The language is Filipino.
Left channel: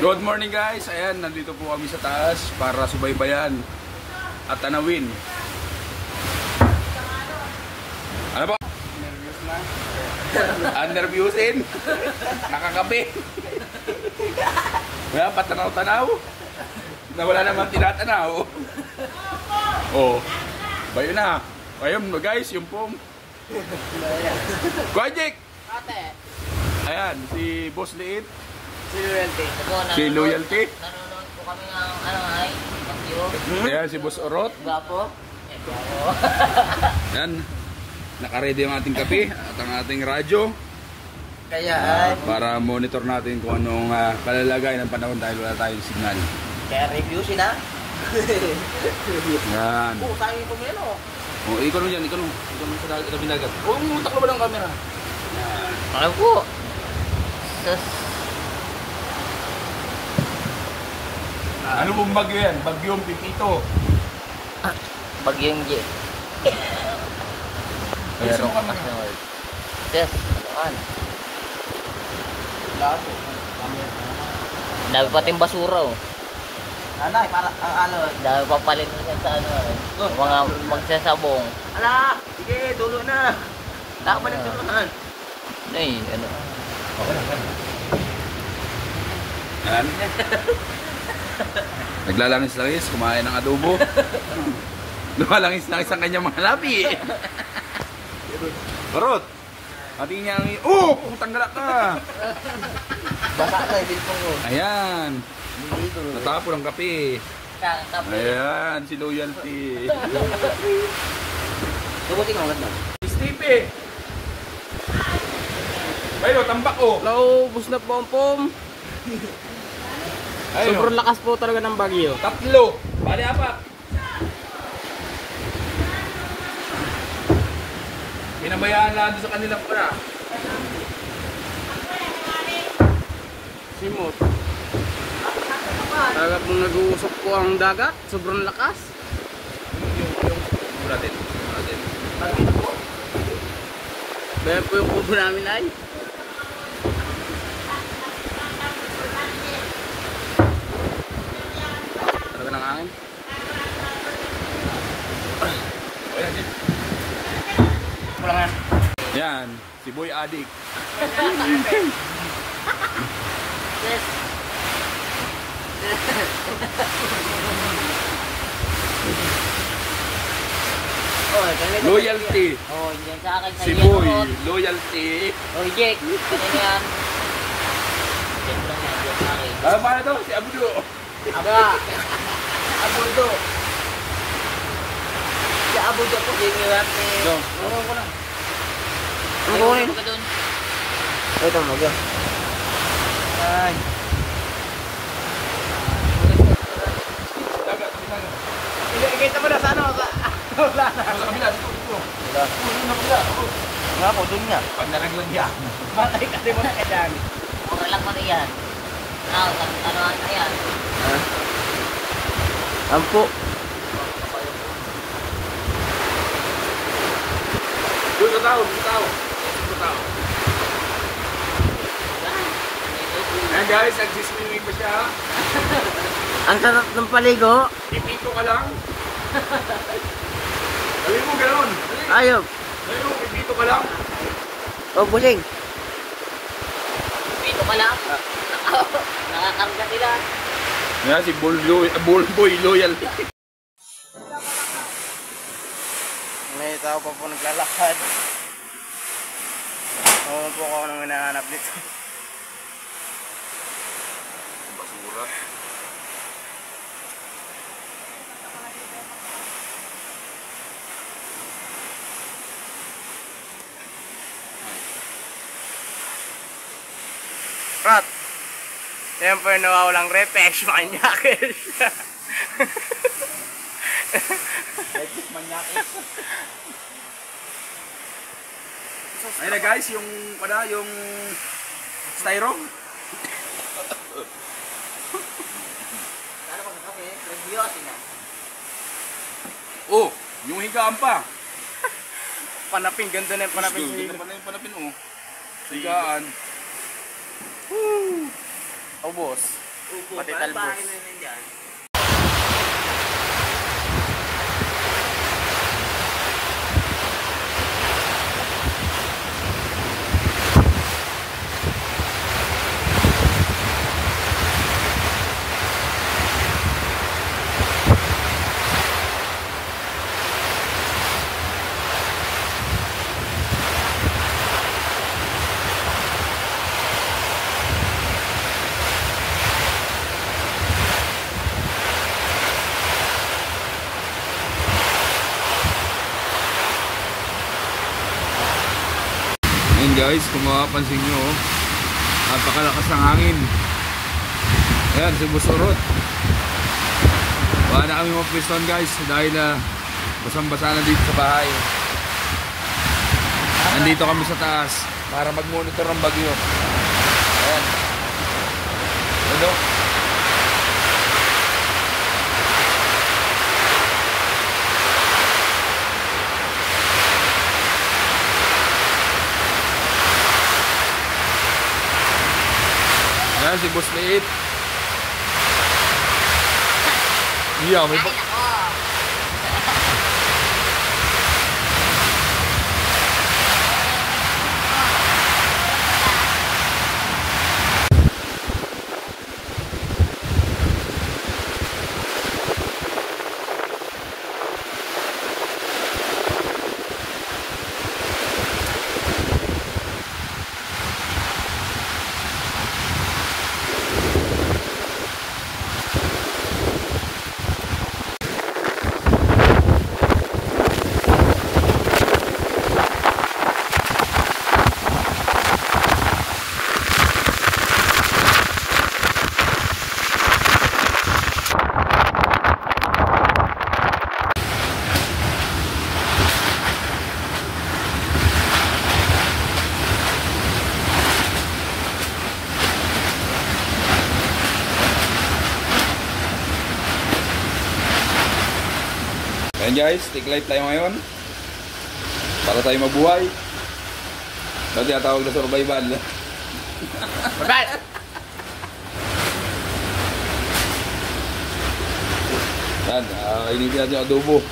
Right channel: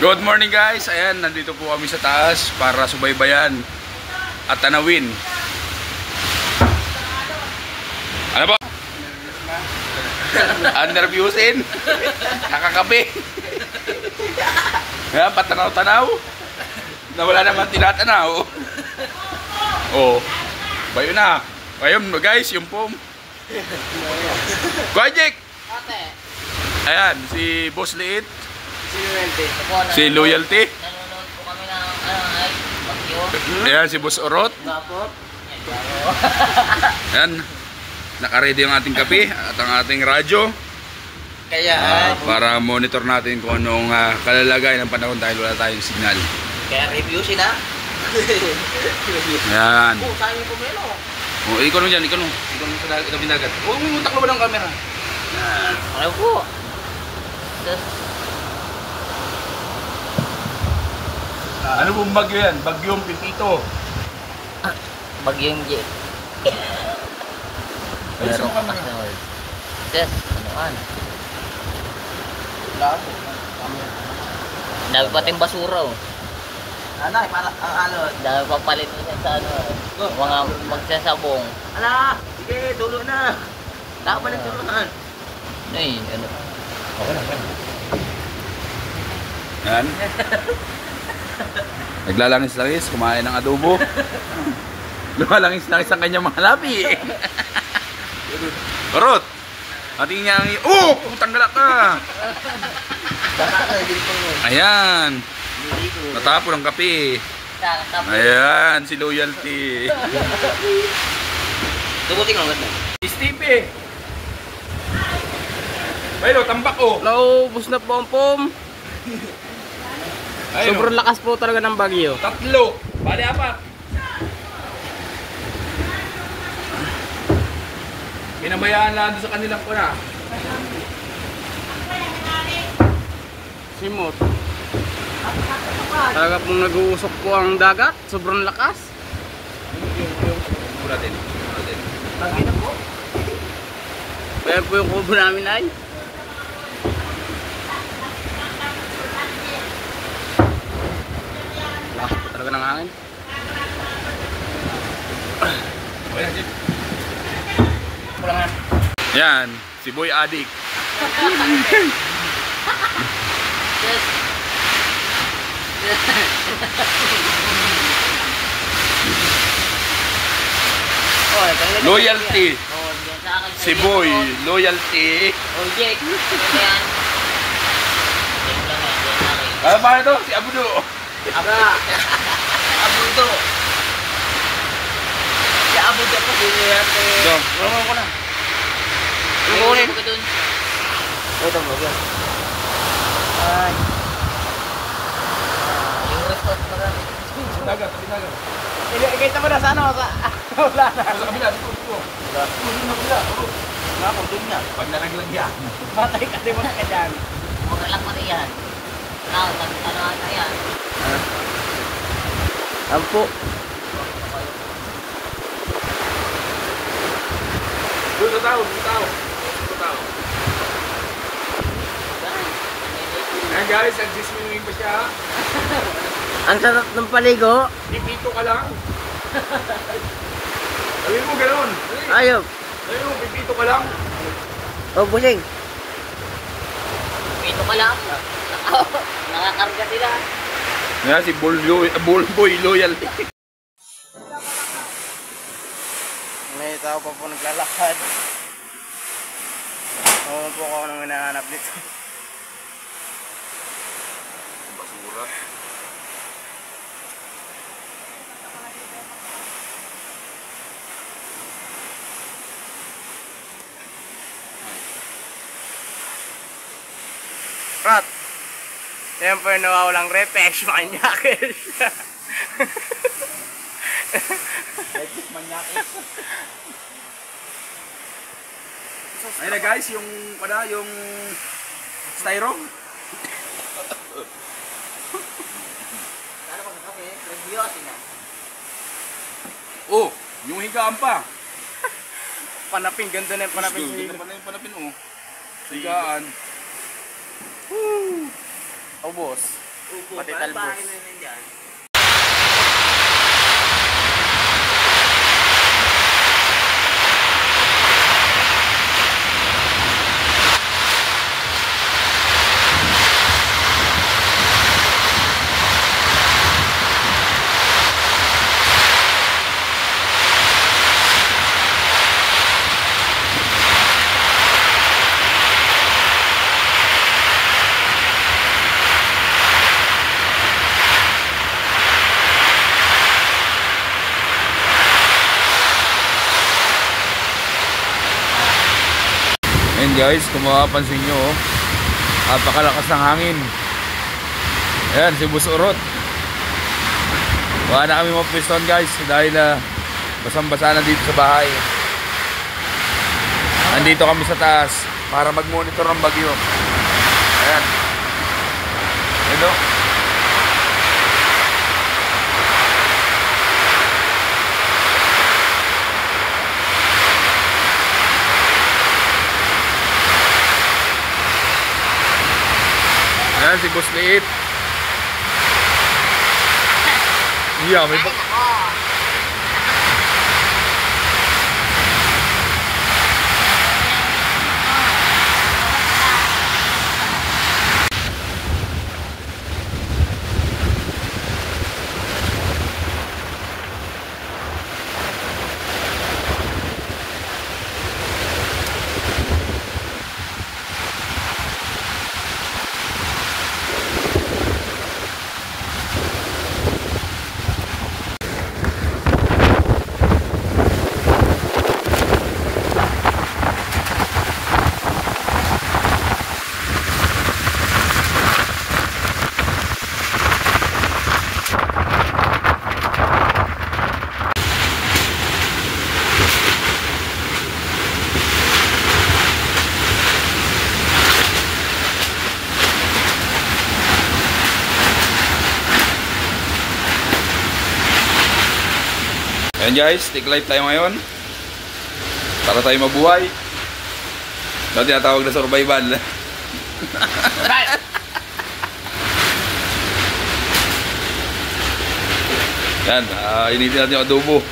Good morning guys, ayan, nandito po kami sa taas para subaybayan at tanawin. Ano ba? Underviewsin? Nakakape? Nga, patanaw-tanaw? Na wala naman tinatanaw. Oh, bayo na. Ayun guys, yung pom. Kajik! Ayan, si Boss Liit. Si Loyalty. Nanonood po kami ng Bagyo. Ayan, si Boss Orot. Gapo. Ayan, naka-ready ang ating kape at ang ating radyo. Kaya Para monitor natin kung anong kalalagay ng panahon dahil wala tayong signal. kaya review sila. Ayan. Oh, sabi ko melo. O, ikaw nung dyan, ikaw nung sa dagat. O, umutak na ba ng camera? Ano po? Ano pong bagyo yan? Bagyong Pipito. Bagyong J. Ano ka mga? Yes, anoan? Dami pating basura oh. Anay, para ang ano. Dami pang palinisan sa ano eh. Mga magsasabong. Ala, sige, dulo na. Balik dulo na. Ay, ano? Okay na. Yan. Naglalangis-langis, kumain ng adobo. Lumalangis-langis ang kanyang mga labi. Karot! Ating niya ang... Oh! Tanggalak ka! Baka na, hindi po mo. Ayan! Natapon ang kape. Ayan, si Loyalty. Tugutin ang ganda. Steve! Baylo, tambak oh! Naubos na po ang pom. Sobrang lakas po talaga ng bagyo. Tatlo! Bali apat! Pinabayaan lang doon sa kanilang kuna. Simot. Talaga pong nag-uusok po ang dagat. Sobrang lakas. Natin. Bagyo na po. Kaya po yung kubo namin ay. Lakas po talaga ng hangin. Yan, si Boy Adik. Loyalty. Oh, diyan sa akin. Si Boy, Loyalty. Oh, Jake. Ano yan? Diyan lang yan, diyan lang yan. Ano ba ito? Si Abudo. Abudo. Si Abudo po din yan. Ito, Tulungan ko na. Kunin ko dun. Ito mo yan. dagat, tingnan. Kahit naman na sana. Wala na. Sa kabila, dito. Wala. Wala pa din na. Pag naraglag yan. Patay ka din mo na kadaan. Mura lang pati yan. Ano ata yan? Ampo. Doon sa tao. Ayan guys, nagsiswimming pa siya. Ang sarap ng paligo. Pipito ka lang. Gawin mo gano'n. Ayop. Gawin mo, pipito ka lang. O busing. Ito kaya. Nakakamga sila. Ayan si Boy Loyalty. May tao pa po naglalakad. Oo po ako nang hinahanap dito. Basura. Rat. Yan po yung nawawalang refresh. Manyakis. Ayun na guys, yung styro. Ano ko sa kape? Review na. Oh, yung higaan pa. Panapin, ganda na yung panapin. Ganda pa na yung panapin oh. Higaan. Oh boss. Upo. Pati Parang talbos. bahay na yun dyan. Ayan guys, kung makapansin nyo, napakalakas ng hangin. Ayan, si Boss Urot. Wala na kami mapiston guys dahil basang-basa na dito sa bahay. Nandito kami sa taas para mag-monitor ng bagyo. Ayan. Hello. Ayan si Boss Liit. Iya, may Ay, nako. Ayan guys, take life tayo ngayon para tayo mabuhay. Ito tinatawag na survival. Yan, initin natin yung adobo.